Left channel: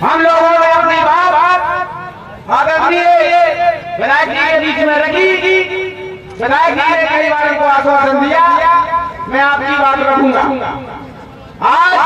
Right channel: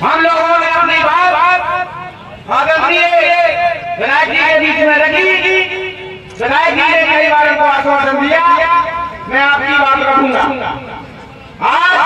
हम लोगों ने अपनी बात आदरणीय विधायक जी के बीच में रखी। विधायक जी ने कई बार उनको आश्वासन दिया, मैं आपकी बात रखूंगा। आज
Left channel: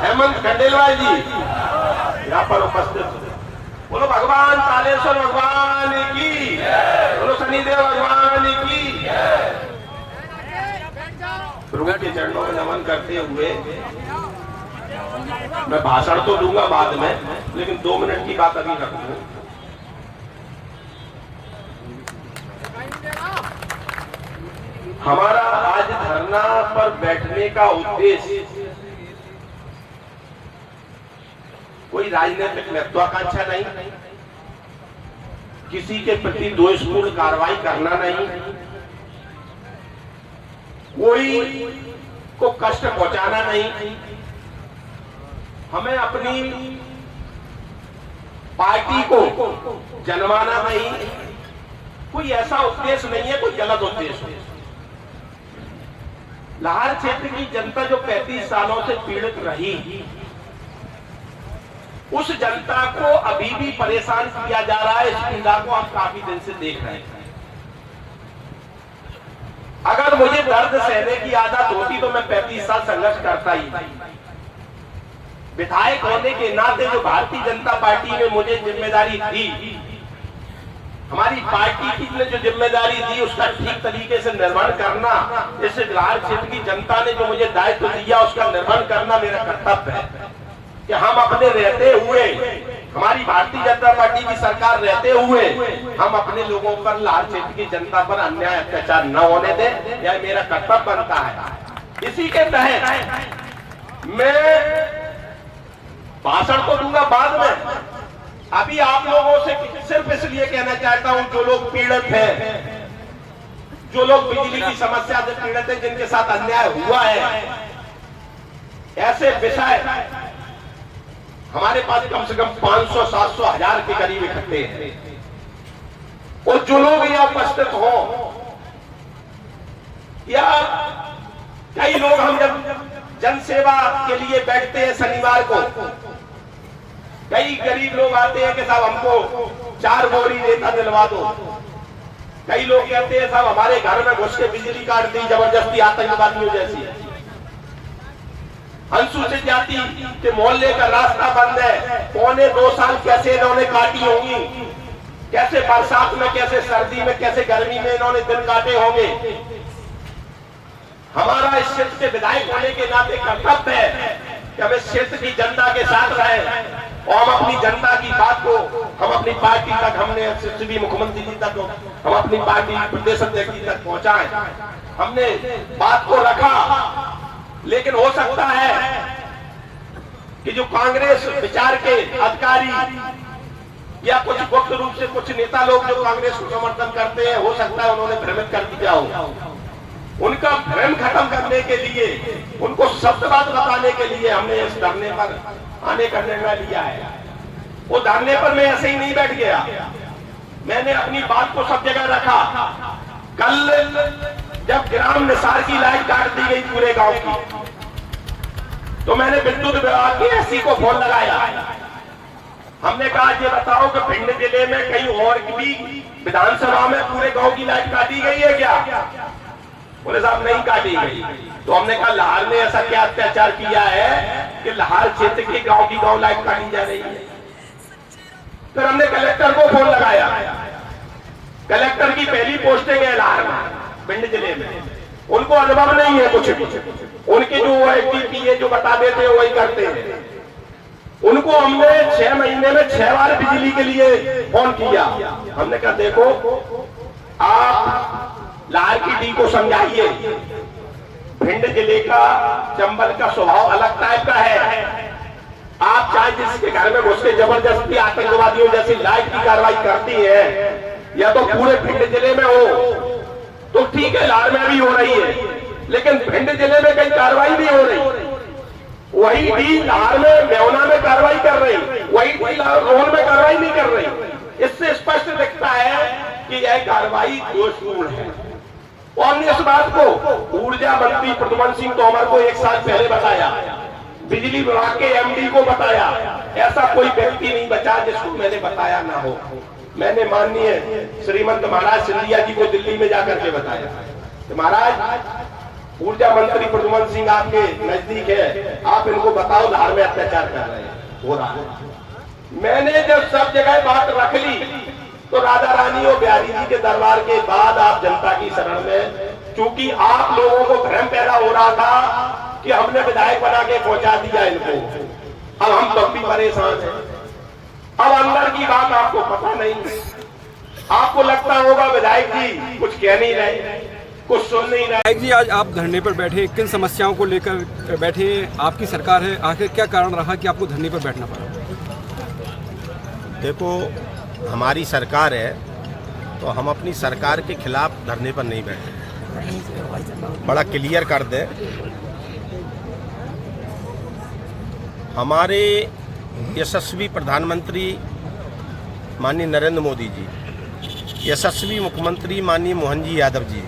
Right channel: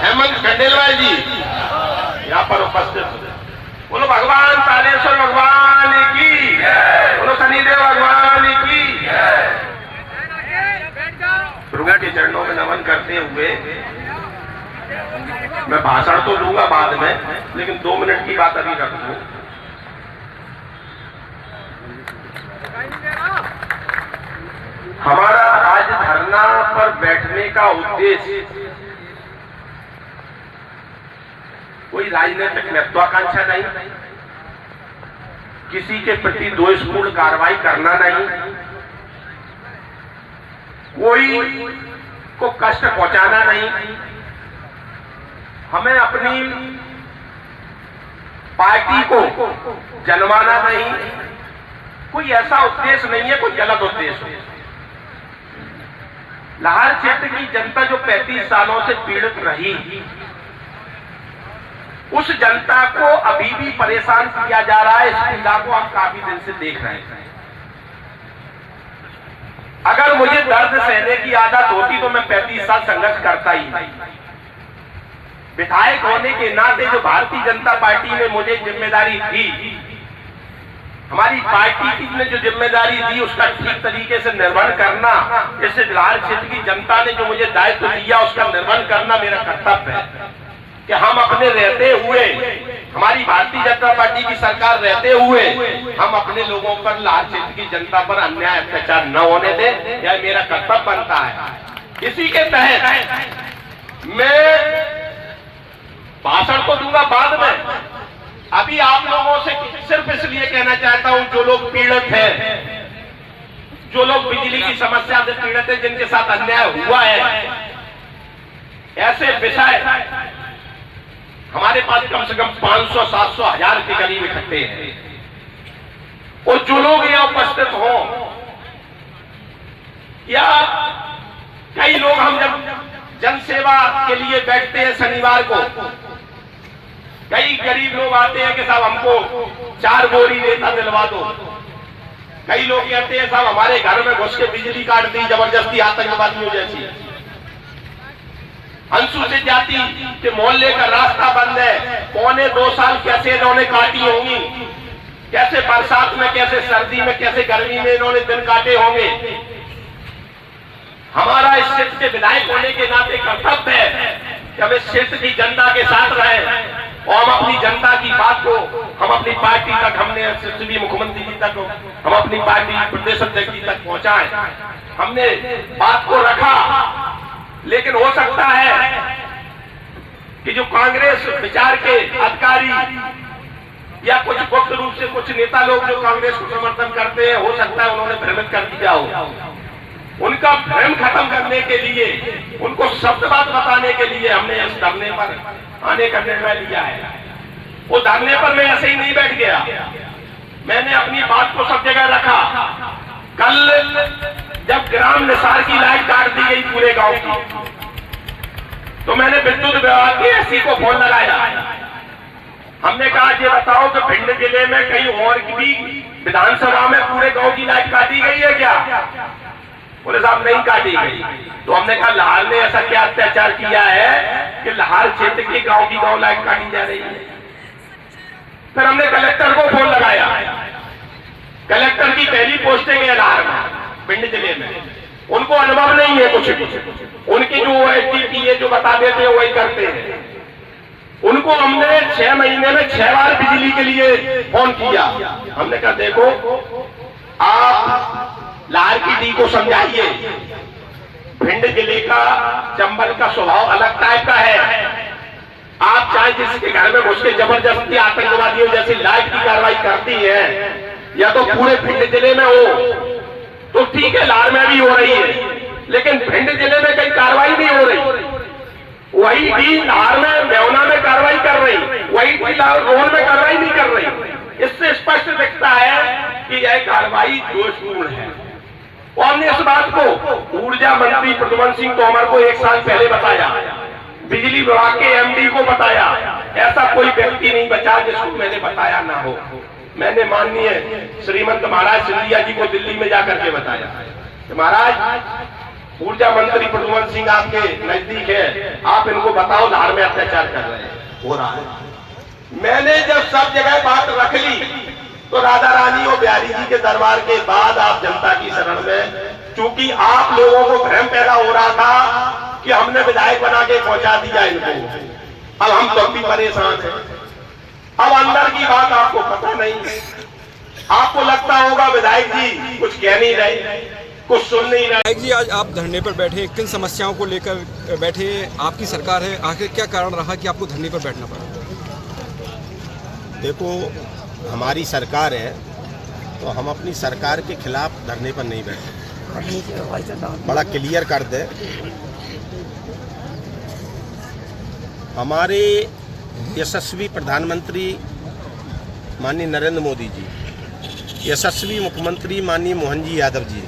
हेमंत खंडेलवाल जी यहाँ पर उपस्थित। बोलो भगवान तालेश्वर भगवान की, बोलो शनिदेव भगवान की। प्रभु के चरणों में नमन करते हुए मैं भाषण तो दूंगा बाद में, लेकिन 2 मिनट की बात अभी रख दूं। हमारा आज धरना पर बैठने का उद्देश्य कोई राजनीतिक महत्वाकांक्षा नहीं, किसी के प्रति दोषपूर्ण कार्रवाई करना नहीं, कोई को कष्ट पहुंचाना नहीं। हमें अपनी पार्टी को जन्माना नहीं, कोई ऐसा उद्देश्य नहीं है, कोई गलत उद्देश्य है। लाहौर क्षेत्र की जनता जो 35 सालों से पीड़ित रही, उस जनता को अभी भी परेशान किया जा रहा है। इस पीड़ा को हम काफी दिन से देख रहे हैं। अगर मुझे दर्द सहने की आदत होती तो मैं 35 साल संघर्ष करता ही। विधायक होने के नाते जो भारतीय जनता पार्टी में मुझे जिम्मेदारी थी, हमारी पार्टी की ने जो जिम्मेदारी दी, उसका ठीक तरीके से निर्वहन करना, इस लाहौर क्षेत्र की जनता ने जो मुझे दायित्व दिया उसका निर्वहन करना मेरा कर्तव्य है। कि हम अपने रहते हुए, हमारी भारतीय जनता पार्टी की सरकार रहते हुए, हम अपने लोगों पर, लाहौर क्षेत्र की जनता पर अन्याय अत्याचार न होने दें, यह मेरा कर्तव्य बनता है। इसी के तहत मैं भाषण तो दूंगा बाद में, अभी आप लोगों से सिर्फ इसलिए कहना चाहता हूं, जो लोग पीड़ित हैं, जो लोग बिजली की समस्या से पीड़ित हैं, जिनके साथ अन्याय हुआ है, ऐसे विषय हमारे पास कम से कम 500, 700, 1000 के करीब इकट्ठे हैं। और जो लोग यहाँ उपस्थित हो, या कई लोग, हम जब जनसेवा के लिए बैठते हैं शनिवार को, कई गरीब लोग आते हैं कि साहब हमको 4 बोरी रेता दिलवा दो। कई लोग कहते हैं साहब हमारे घर में घुस के बिजली काट दी जबरदस्ती, आतंकवादियों जैसी। अनुसूचित जाति के मोहल्ले का रास्ता बंद है, 2.25 साल कैसे इन्होंने काटी होंगी, कैसे बरसात में, कैसे सर्दी में, कैसे गर्मी में इन्होंने दिन काटे होंगे। हमारा इस क्षेत्र के विधायक होने के नाते कर्तव्य है कि हम इस क्षेत्र की जनता के साथ रहें और हम अपनी जनता की बात को, हम अपनी पार्टी तक, हमने मुख्यमंत्री जी तक, हम अपनी पार्टी प्रदेश अध्यक्ष जी तक पहुंचाएं। हमने बात को रखा, लेकिन हो सकता है कि जो कांग्रेस विचार के अधिकारी या कुछ गुप्त रूप से कुछ नेता लोग जो कांग्रेस को समर्थन करते हैं, हो सकता है उन्होंने भ्रमित कर दिया हो। उनका भ्रम खत्म करने के लिए, उनको शब्द बात बताने के लिए हमने इस धरने पर आने का निर्णय लिया है। वो धरने पर मैं ऐसे ही नहीं बैठ गया, मैंने अपनी बात को सब जगह रखा। कल जब ग्राम निसार की लाइट काट दी गई पूरे गांव की, तो मैंने विद्युत विभाग के एससी को फोन लगाया। हमने कहा ये बताओ कि भिंड जिले में कहीं और की भी विधानसभा में पूरे गांव की लाइट काटी गई है क्या? बोले साहब नहीं काटी गई। तो हमने कहा लाहौर ने ऐसा क्या अत्याचार किया है कि लाहौर क्षेत्र की गांव लाइट काटी जा रही है? फिर हमने कलेक्टर को फोन लगाया। कलेक्टर की पहली पोस्टिंग है लाहौर में, भिंड जिले में, उनको अनुभव नहीं है कुछ भी। उनकी जो एसडीपी है जो बता देते हैं वही करते हैं। उनको हमने 6 महीने में 6 बार बिजली के लिए फोन किया। हमने कहा देखो आप लाहौर की डी को समझाइए, भिंड जिले का, चंबल का स्वभाव अलग टाइप का है। आप चाहे जिसके घर में घुस के जबरदस्ती आतंकवादियों जैसी लाइट की कार्रवाई करती है, या तो पूरे भिंड जिले में हो तो ठीक है, लाहौर में भी हो रही है, लेकिन भिंड जिले में कई कार्रवाई भी हो रही। वही डी धार में मेवना में कार्रवाई कर रही, वही डी रोहन में कार्रवाई नहीं कर रही। इससे स्पष्ट दिखता है कि यह कार्रवाई दोषपूर्ण है। और हमने इस बात को ऊर्जा मंत्री प्रद्युमन सिंह तोमर को 1 साल पहले बताया, बिजली विभाग के एमडी को बताया, ऐसा कोई व्यक्ति नहीं बचा जिसको मैंने बताया ना हो। मैंने माननीय श्रीमंत महाराज सिंधिया जी को दिल्ली में जाकर के बताया कि महाराज ऊर्जा मंत्री प्रद्युमन सिंह आपके नजदीक है, आप इनको बताओ धार में अत्याचार कर रहे हैं, हो रहा है। मैंने जब सब जगह बात रख ली तो राधा रानी और बिहारी जी के दरबार के बाद आप जनता की शरण में, चूंकि आप लोगों को भ्रम पैदा हो रहा था कि हमने विधायक बना के पहुंचा दिया इनको, अब हम तब भी परेशान हैं। अब अंदर की बात आपको पता नहीं है, आपको लगता होगा विधायक जी कुछ कह नहीं रहे, कुछ सुन नहीं रहे। विधायक जी, आज आप धरने पर बैठे, किन समस्याओं को लेकर बैठे? आपकी सरकार है, आखिर क्या कारण रहा कि आपको धरने पर बैठना पड़ा? देखो, हमारी सरकार है तो हम अपनी सरकार के खिलाफ धरने पर नहीं बैठे। बड़ा क्लियर कर दे, हमारे यशस्वी प्रधानमंत्री माननीय नरेंद्र मोदी जी, यशस्वी मुख्यमंत्री माननीय मोहन जी यादव जी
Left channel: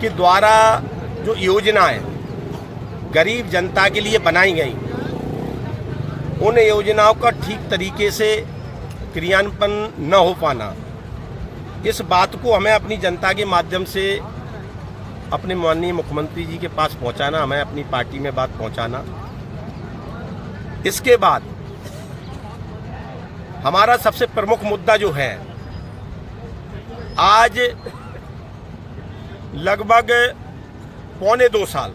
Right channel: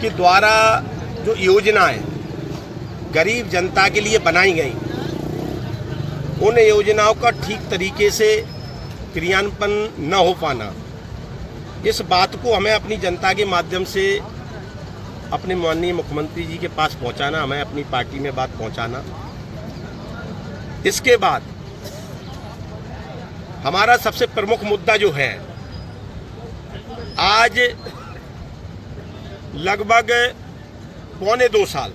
के द्वारा जो योजनाएं गरीब जनता के लिए बनाई गई, उन योजनाओं का ठीक तरीके से क्रियान्वयन न हो पाना, इस बात को हमें अपनी जनता के माध्यम से अपने माननीय मुख्यमंत्री जी के पास पहुंचाना, हमें अपनी पार्टी में बात पहुंचाना। इसके बाद हमारा सबसे प्रमुख मुद्दा जो है, आज लगभग 1.25 साल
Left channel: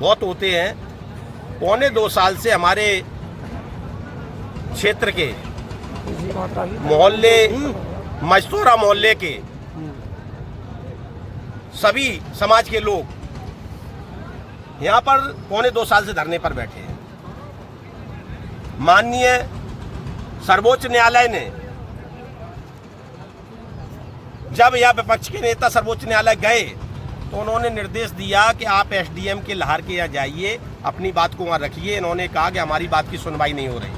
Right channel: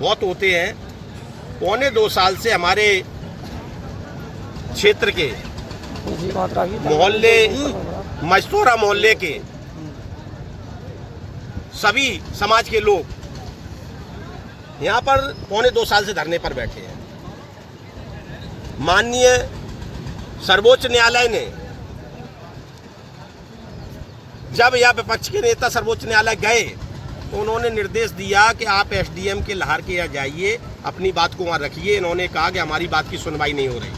बहुत होते हैं, 1.25 साल से हमारे क्षेत्र के मोहल्ले, मजतोरा मोहल्ले के सभी समाज के लोग यहाँ पर 1.25 साल से धरने पर बैठे हैं। माननीय सर्वोच्च न्यायालय ने, जब यह विपक्ष के नेता सर्वोच्च न्यायालय गए तो उन्होंने निर्देश दिया कि आप एसडीएम के लाहौर के यहाँ जाइए, अपनी बात को वहाँ रखिए। इन्होंने कहा कि हमारी बात की सुनवाई नहीं हो रही।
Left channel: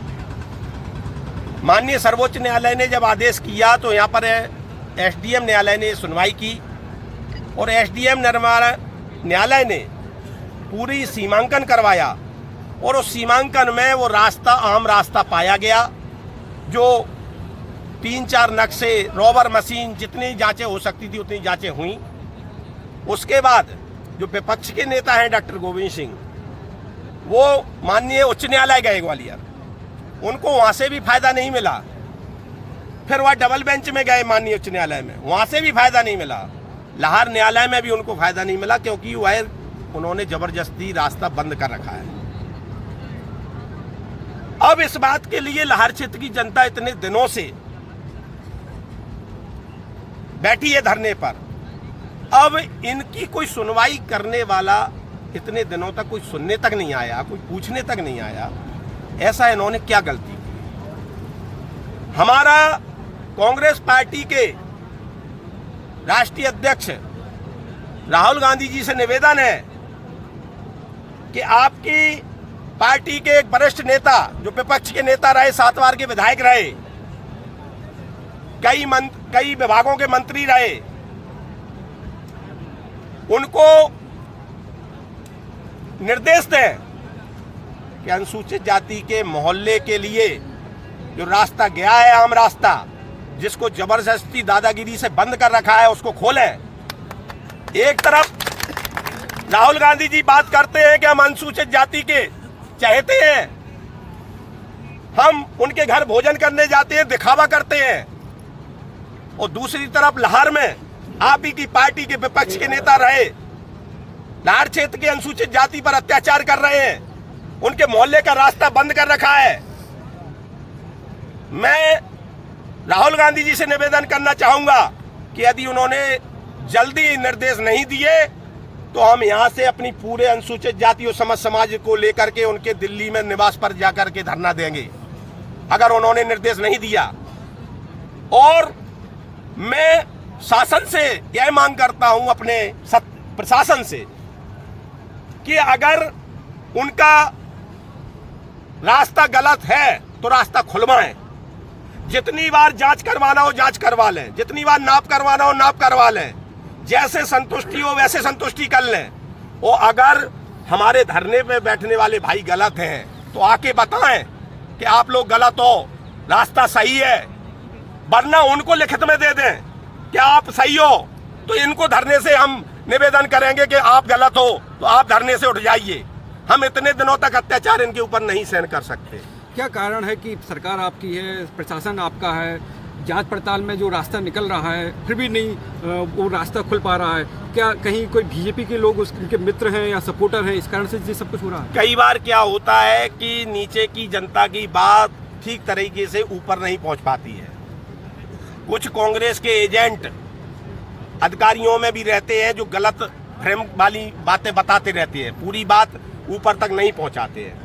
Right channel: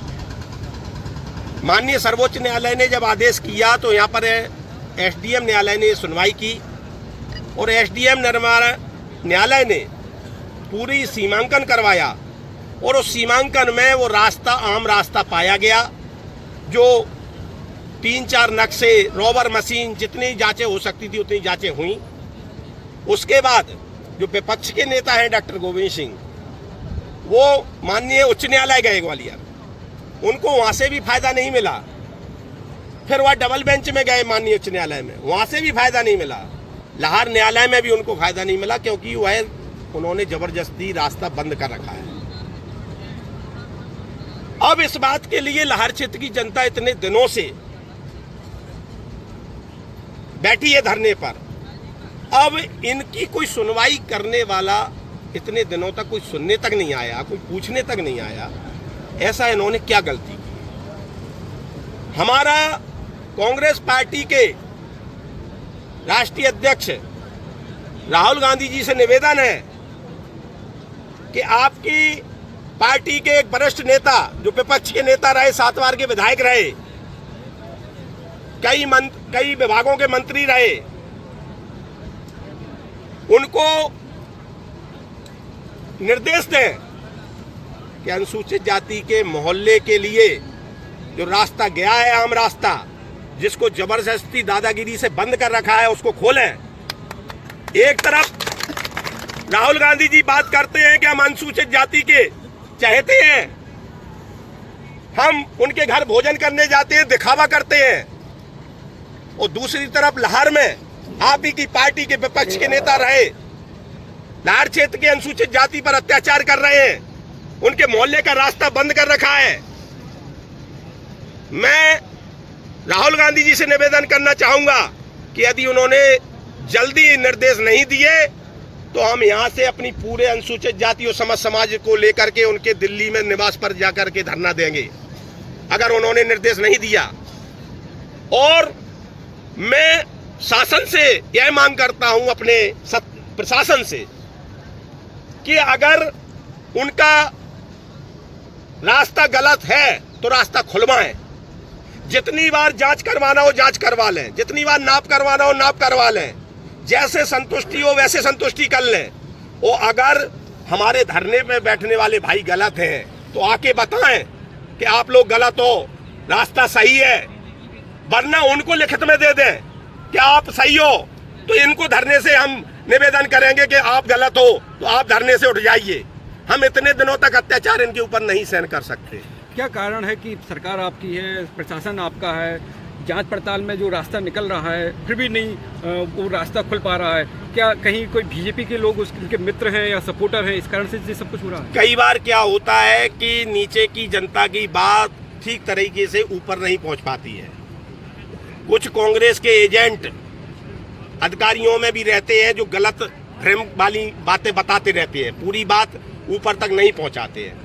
माननीय सर्वोच्च न्यायालय ने जब आदेश किया तो यहाँ पर एसडीएम न्यायालय ने सुनवाई की और एसडीएम न्यायालय ने पूरी सीमांकन करवाया और उस सीमांकन में वो रास्ता आम रास्ता पाया गया, जो 3-4 नक्शे, रोवर मशीन, जितनी जांचें हो सकती थी उतनी जांचें हुई। उसके बाद जो विपक्ष के नेता हैं डॉक्टर गोविंद सिंह, वो माननीय उच्च न्यायालय गए ग्वालियर, उनको वहां से भी फायदा नहीं मिला। फिर वह डबल बेंच में गए माननीय उच्च न्यायालय में, वहां से भी फायदा नहीं मिला। लाहौर न्यायालय में भी उनको फायदा नहीं मिला, क्योंकि वह उन्होंने जबरदस्ती रास्ता बंद कर रखा है। अब इस बात के लिए लाहौर क्षेत्र की जनता इतने दिनों से बैठी है धरने पर, अब इनकी कोई सुनवाई करने वाला इतने दिनों तक कोई सुनने तक नहीं आया, कोई पूछने तक नहीं आया। ऐसा इन्होंने क्या गलती की? हमारा कांग्रेस पार्टी के राष्ट्रीय अध्यक्ष राहुल गांधी जी से निवेदन है कि आपकी पार्टी के एक वरिष्ठ नेता, जो विपक्ष के नेता रहे, 7 बार के विधायक रहे, कई विभागों के मंत्री रहे, उनको निर्देश दें कि अनुसूचित जाति के मोहल्ले के लिए जो रास्ता गया है, आम रास्ता, जिसको जबरदस्ती दादागिरी से बंद कर रखा है, उसको खोलें। एक तरफ राहुल गांधी जी बात करते हैं कि हम अनुसूचित जाति के चाहते हैं, हम उनके घर भोजन करने जाते हैं, दिखावा करते हैं, और दूसरी तरफ लाहौर में आप ही की पार्टी के विपक्ष के नेता रहे, लाहौर क्षेत्र के अनुसूचित जाति पर अत्याचार कर रहे हैं, उनके मोहल्ले का रास्ता बंद कर रखा है। मैं राहुल गांधी जी से निवेदन करना चाहूंगा कि यदि उन्होंने जल्दी निर्देश नहीं दिए तो हम यहां से अपनी पूरे अनुसूचित जाति और समाज को लेकर के उनके दिल्ली में निवास पर जाकर के धरना देंगे, अगर उन्होंने निर्देश नहीं दिया। और मैं शासन से यह मांग करता हूं, अपने प्रशासन से, कि अगर उनका रास्ता गलत है तो रास्ता खुलवाएं। जितनी बार जांच करवाना हो जांच करवा लें, जितनी बार नाप करवाना हो नाप करवा लें, जैसे संतुष्टि हो वैसे संतुष्टि कर लें। और अगर हमारे धरने पे बैठने वाले भाई गलत हैं तो आके बताएं कि आप लोग गलत हो, रास्ता सही है, वरना उनको लिखित में दे दें कि आप सही हो, तो इनको धरने से हम निवेदन करेंगे कि आप गलत हो तो आप धरने से उठ जाइए। हम इतने दिनों तक अत्याचार इनके ऊपर नहीं सहन कर सकते। क्या कारण है कि सरकार आपकी है, प्रशासन आपका है, जांच पड़ताल में जो रास्ता निकल रहा है फिर भी नहीं वो रास्ता खुल पा रहा है? क्या कहीं कोई बीजेपी के लोग उनके मित्र हैं या सपोर्टर हैं, इस कारण से ये सब कुछ हो रहा है? कई बार क्या होता है कि नीचे की जनता की बात ठीक तरीके से ऊपर नहीं पहुंच पाती है। कुछ कांग्रेस के एजेंट अधिकारियों में भी रहते हैं जो गलत भ्रम वाली बातें बताते रहते हैं, पूरी बात ऊपर तक नहीं पहुंचाते हैं।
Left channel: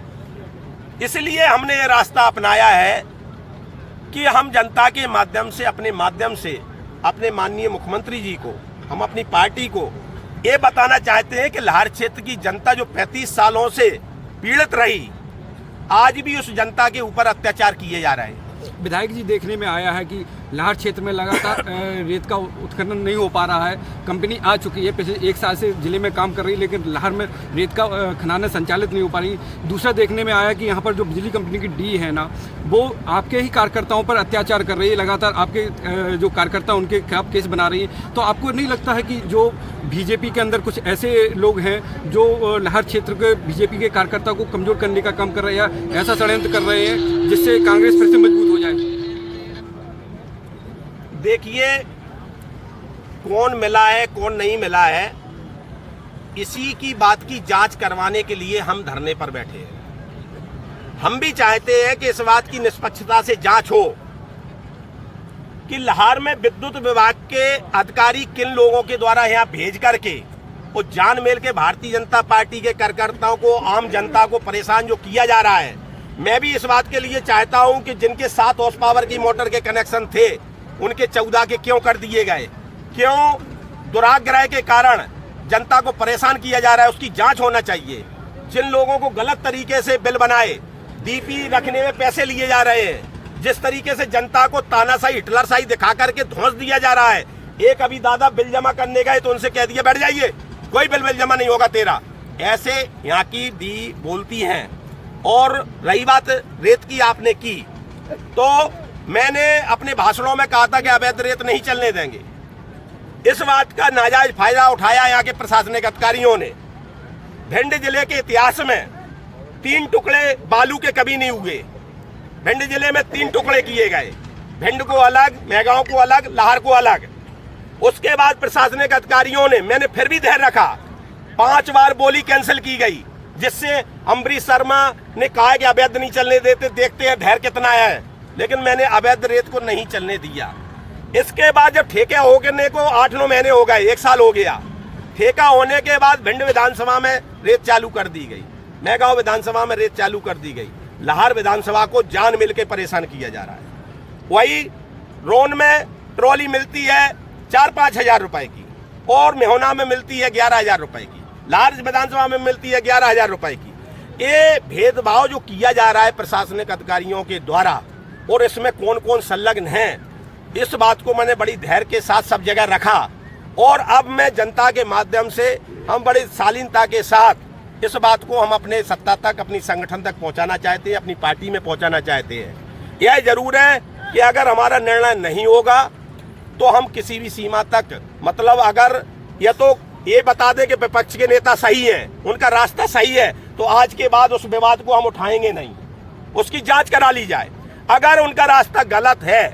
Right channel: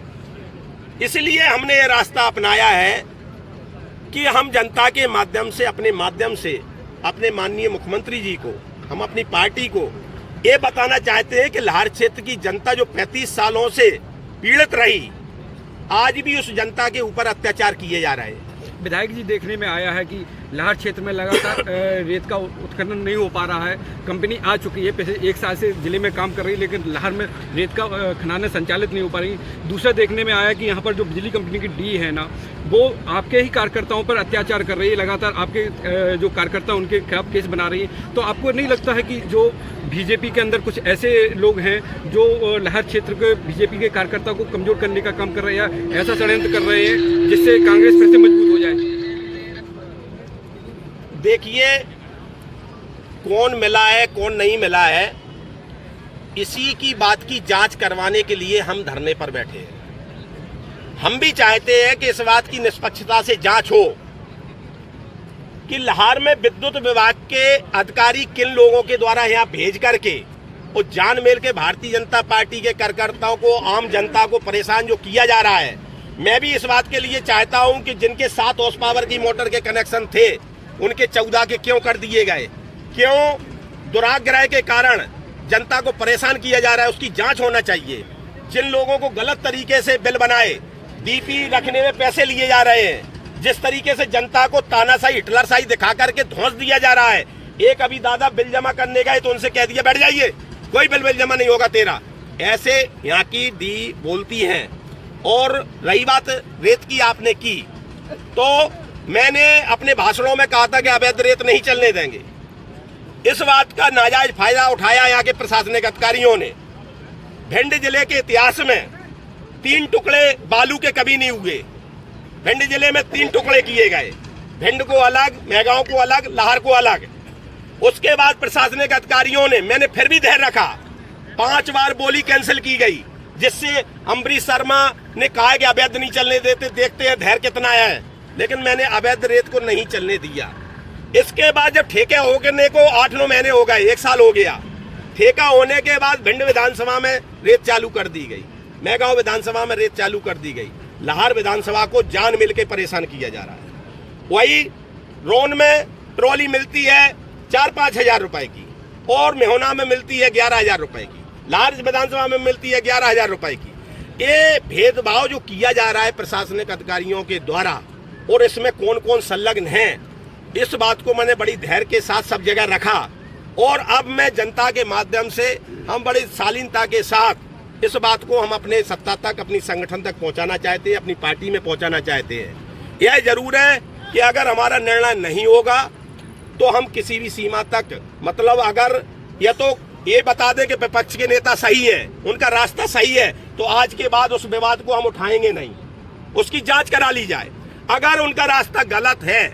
इसलिए हमने ये रास्ता अपनाया है कि हम जनता के माध्यम से, अपने माध्यम से अपने माननीय मुख्यमंत्री जी को, हम अपनी पार्टी को ये बताना चाहते हैं कि लाहौर क्षेत्र की जनता जो 35 सालों से पीड़ित रही, आज भी उस जनता के ऊपर अत्याचार किए जा रहे हैं। विधायक जी, देखने में आया है कि लाहौर क्षेत्र में लगातार रेत का उत्खनन नहीं हो पा रहा है। कंपनी आ चुकी है, पिछले 1 साल से जिले में काम कर रही है, लेकिन लाहौर में रेत का खदानें संचालित नहीं हो पा रही। दूसरा देखने में आया कि यहाँ पर जो बिजली कंपनी की डी है ना, वो आपके ही कार्यकर्ताओं पर अत्याचार कर रही है, लगातार आपके जो कार्यकर्ता उनके खिलाफ केस बना रही है। तो आपको नहीं लगता है कि जो बीजेपी के अंदर कुछ ऐसे लोग हैं जो लाहौर क्षेत्र के बीजेपी के कार्यकर्ता को कमजोर करने का काम कर रहे हैं, ऐसा षड्यंत्र कर रहे हैं जिससे कांग्रेस फिर से मजबूत हो जाए? देखिए, कौन मिला है कौन नहीं मिला है, इसी की बात की जांच करवाने के लिए हम धरने पर बैठे हैं। हम भी चाहते हैं कि इस बात की निष्पक्षता से जांच हो कि लाहौर में विद्युत विभाग के अधिकारी किन लोगों के द्वारा यहाँ भेज करके और जान मेल के भारतीय जनता पार्टी के कार्यकर्ताओं को, आम जनता को परेशान जो किया जा रहा है। मैं भी इस बात के लिए चाहता हूं कि जिनके 7 हॉर्स पावर की मोटर के कनेक्शन थे उनके 14 के क्यों कर दिए गए, क्यों दुराग्रह के कारण जनता को परेशान किया जा रहा है, उसकी जांच होना चाहिए। जिन लोगों को गलत तरीके से बिल बनाए, डीपी रखने में पैसे लिए जा रहे हैं, जिस तरीके से जनता को तानाशाही, हिटलरशाही दिखा करके धौंस दिया जा रहा है। एक अभी दादा बिल जमा करने गए तो उनसे कह दिया बैठ जाइए, कोई बिल जमा नहीं होगा तेरा। ऐसे यहाँ की डी बोलती हैं। और रही बात रेत की, आपने की तो मैंने अपने भाषणों में कहा था कि अवैध रेत नहीं चलने देंगे। इस बात का नाजायज फायदा उठाया यहाँ के प्रशासनिक अधिकारियों ने। भिंड जिले के इतिहास में 3 टुकड़े बालू के कभी नहीं हुए। भिंड जिले में 3 टुकड़े किए गए, भिंड को अलग, मेहगांव को अलग, लाहौर को अलग। उसके बाद प्रशासनिक अधिकारियों ने, मैंने फिर भी धैर्य रखा, 5 बार बोली कैंसिल की गई, जिससे अम्बरीश शर्मा ने कहा कि अवैध नहीं चलने देते, देखते हैं धैर्य कितना है। लेकिन मैंने अवैध रेत को नहीं चलने दिया। इसके बाद जब ठेका होने को 8-9 महीने हो गए, 1 साल हो गया, ठेका होने के बाद भिंड विधानसभा में रेत चालू कर दी गई, मेहगांव विधानसभा में रेत चालू कर दी गई, लाहौर विधानसभा को जान मिल के परेशान किया जा रहा है। वही रोन में ट्रॉली मिलती है 4-5 हजार रुपए की और मेहोना में मिलती है 11,000 रुपए की, लाहौर विधानसभा में मिलती है 11,000 रुपए की। ये भेदभाव जो किया जा रहा है प्रशासनिक अधिकारियों के द्वारा, और इसमें कौन कौन संलग्न है, इस बात को मैंने बड़ी धैर्य के साथ सब जगह रखा। और अब मैं जनता के माध्यम से, हम बड़ी शालीनता के साथ इस बात को हम अपने सत्ता तक, अपनी संगठन तक पहुंचाना चाहते हैं, अपनी पार्टी में पहुंचाना चाहते हैं। यह जरूर है कि अगर हमारा निर्णय नहीं होगा तो हम किसी भी सीमा तक, मतलब अगर यह तो ये बता दें कि विपक्ष के नेता सही हैं, उनका रास्ता सही है, तो आज के बाद उस विवाद को हम उठाएंगे नहीं, उसकी जांच करा ली जाए। अगर उनका रास्ता गलत है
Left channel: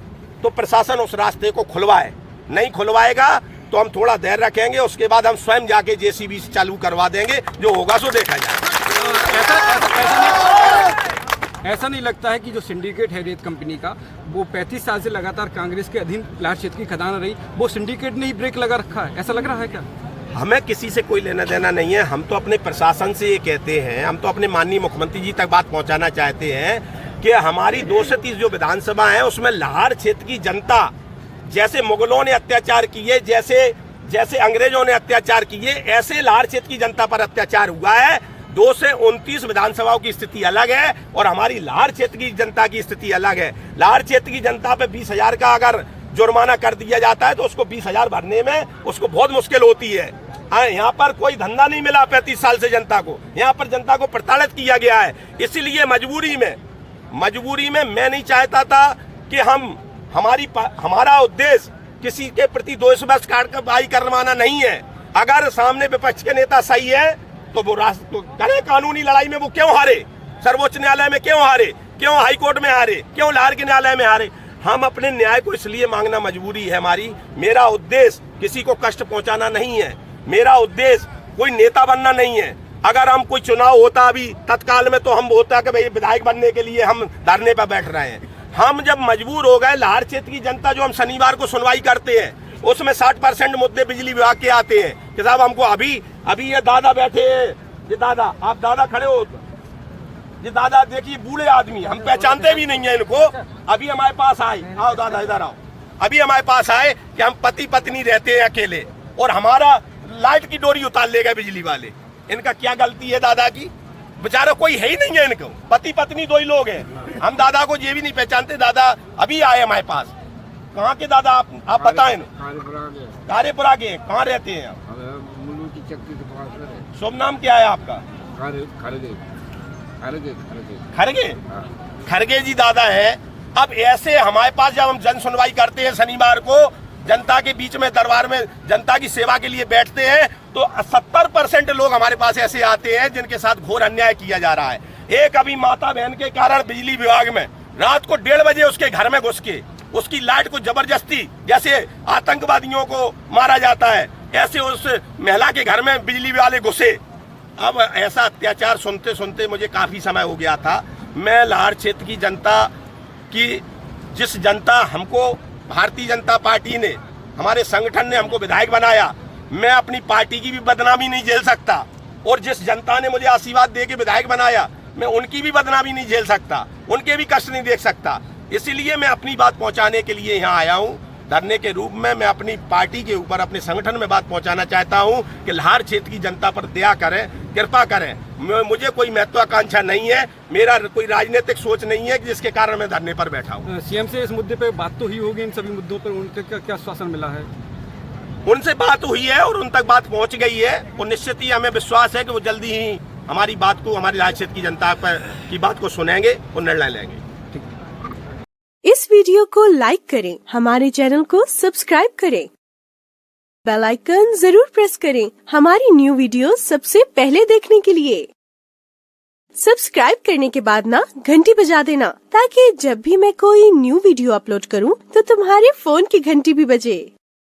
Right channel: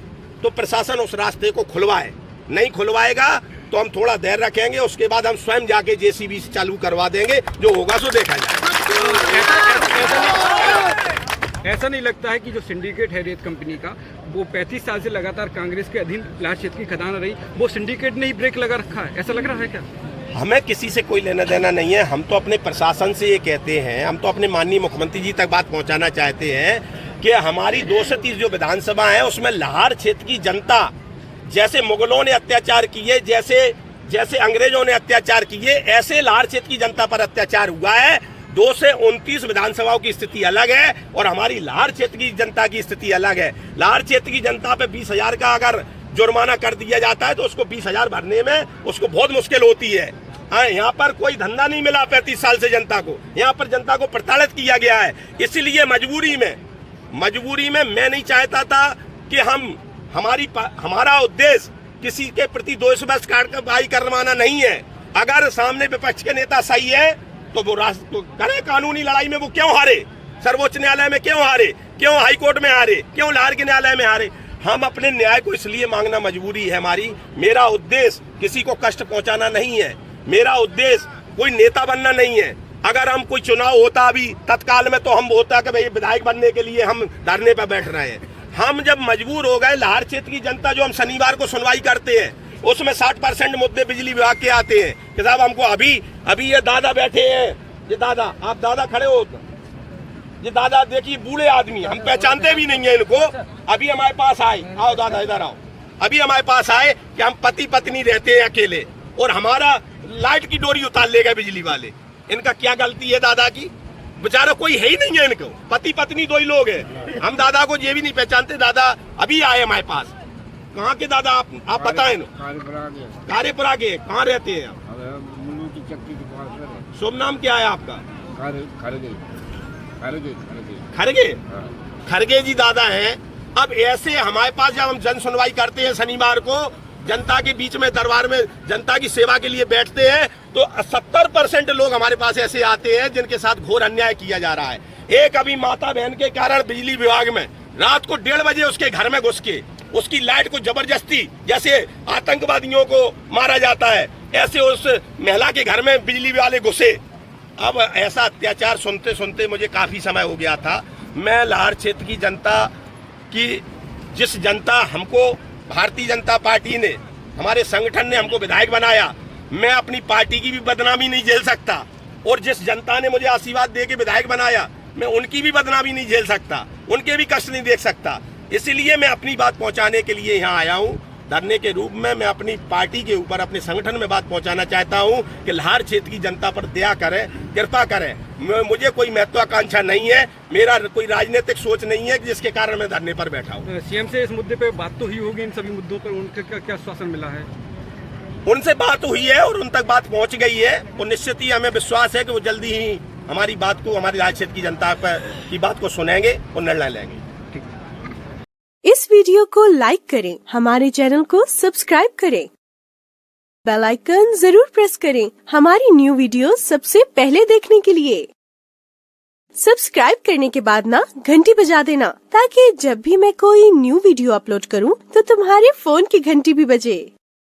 तो प्रशासन उस रास्ते को खुलवाए, नहीं खुलवाएगा तो हम थोड़ा देर रखेंगे, उसके बाद हम स्वयं जाके जेसीबी से चालू करवा देंगे, जो होगा सो देखा जाएगा। ऐसा नहीं लगता है कि जो सिंडिकेट है रेत कंपनी का, वो 35 साल से लगातार कांग्रेस के अधीन लाहौर क्षेत्र की खदान रही, वो सिंडिकेट ने ही ब्रेक लगा रखा है, ऐसा लग रहा है क्या? हमें किसी से कोई लेना देना नहीं है। हम तो अपने प्रशासन से ये कहते हैं, हम तो अपने माननीय मुख्यमंत्री जी तक बात पहुंचाना चाहते हैं कि हमारी 230 जो विधानसभा है उसमें लाहौर क्षेत्र की जनता, जैसे मुगलों ने अत्याचार किए, जैसे अंग्रेजों ने अत्याचार किए, ऐसे लाहौर क्षेत्र की जनता पर अत्याचार हुआ है। 2 से 29 विधानसभाओं की स्थिति अलग है और हमारी लाहौर क्षेत्र की जनता की स्थिति अलग है। लाहौर क्षेत्र की जनता पे 20,000 का अगर जुर्माना कर दिया जाता है तो उसको 20,000 भरने में उसको बहुत मुश्किल होती है। यहाँ पर कोई धंधा नहीं मिला 35 साल से जनता को, यहाँ पर जनता को प्रताड़ित किया गया है। इसीलिए मजबूरी में मैं नहीं चाहता था कि हमारा उद्देश्य किसी के प्रति द्वेष कार्रवाई करवाना नहीं है। अगर सामने विपक्ष के नेता सही है तो वो करे कानूनी लड़ाई में वो क्यों हारे, सर्वोच्च न्यायालय में क्यों हारे, क्यों हाई कोर्ट में हारे, क्यों लाहौर के न्यायालय में हारे। हम अपने न्याय को इसलिए मांगना मजबूरी है हमारी। मेरा उद्देश्य किसी को कष्ट पहुंचाना नहीं है, मेरा उद्देश्य कोई नेता बनना नहीं है। अगर हम कोई चुनाव होता अभी तत्काल में तो हम होता कि भाई विधायक बनने के लिए हम धरने पर बैठ रहे हैं। हम जब मजबूर हो गए, लाहौर क्षेत्र की जनता जो हम शनिवार को सुनवाई करते हैं उसमें 60% मुद्दे बिजली विभाग के आते हैं कि साहब हमको अभी ये दादा बैठे हैं, ये दादा, आप दादा खड़े हो, ये दादा देखिए बूढ़े आदमी, हम पहचानते भी नहीं है इनको। अभी हमारे पास आए, आओ दादा इधर आओ, अभी हमारे पास आए कि हम पति पत्नी रहते हैं अकेले और हमारा लाइट की डोरी उतार ले गए बिजली वाले। इनका क्या गलती है दादा की? बेचारा कोई है ही नहीं है इनको, पति पत्नी 2 ही लोग हैं। हम दादा को ये भी नहीं पहचानते। दादा अभी आए हमारे पास। कहाँ के दादा आप बताएं? कार्यपुरा के। कहाँ रहते हैं आप? मुल्लू की चक्की के पास। शुभ नाम क्या है आपका? खरगे। खरगे जी दादा है। अब ऐसे हमारे पास जब हम जन सुनवाई करते हैं शनिवार को, जनता के बीच में दरबार में जनता की सेवा के लिए बैठते हैं तो 70% लोग हमारे पास ऐसे आते हैं जिनके साथ घोर अन्याय किया जा रहा है। एक अभी माता बहन के कारण बिजली विभाग में रात को 1:30 बजे उसके घर में घुस के उसकी लाइट को जबरदस्ती, जैसे आतंकवादियों को मारा जाता है ऐसे उस महिला के घर में बिजली वाले घुसे। अब ऐसा अत्याचार सुनते सुनते मुझे काफी समय हो गया था। मैं लाहौर क्षेत्र की जनता की, जिस जनता हमको भारतीय जनता पार्टी ने, हमारे संगठन ने हमको विधायक बनाया, मैं अपनी पार्टी की भी बदनामी नहीं झेल सकता। और जिस जनता ने मुझे आशीर्वाद दे के विधायक बनाया, मैं उनकी भी बदनामी नहीं झेल सकता, उनके भी कष्ट नहीं देख सकता। इसलिए मैं अपनी बात पहुंचाने के लिए यहाँ आया हूँ धरने के रूप में। मैं अपनी पार्टी के ऊपर, अपने संगठन में बात पहुंचाना चाहता हूँ कि लाहौर क्षेत्र की जनता पर दया करें, कृपा करें। मुझे कोई महत्वाकांक्षा नहीं है, मेरा कोई राजनीतिक सोच नहीं है जिसके कारण मैं धरने पर बैठा हूँ। सीएम से इस मुद्दे पे बात तो ही होगी, इन सभी मुद्दों पर उनका क्या आश्वासन मिला है? उनसे बात हुई है और उन तक बात पहुंच गई है और निश्चित ही हमें विश्वास है कि वो जल्दी ही हमारी बात को, हमारी लाहौर क्षेत्र की जनता की बात को सुनेंगे और निर्णय लेंगे। इस वीडियो को लाइक करें, हमारे चैनल को सब्सक्राइब करें, बेल आइकन जरूर प्रेस करें हमारी न्यू वीडियो सबसे पहले देखने के लिए। सब्सक्राइब करने के बाद ना घंटी बजा देना ताकि जब भी मैं कोई न्यू वीडियो अपलोड करूं तो तुम्हारे फोन की घंटी भी बजे।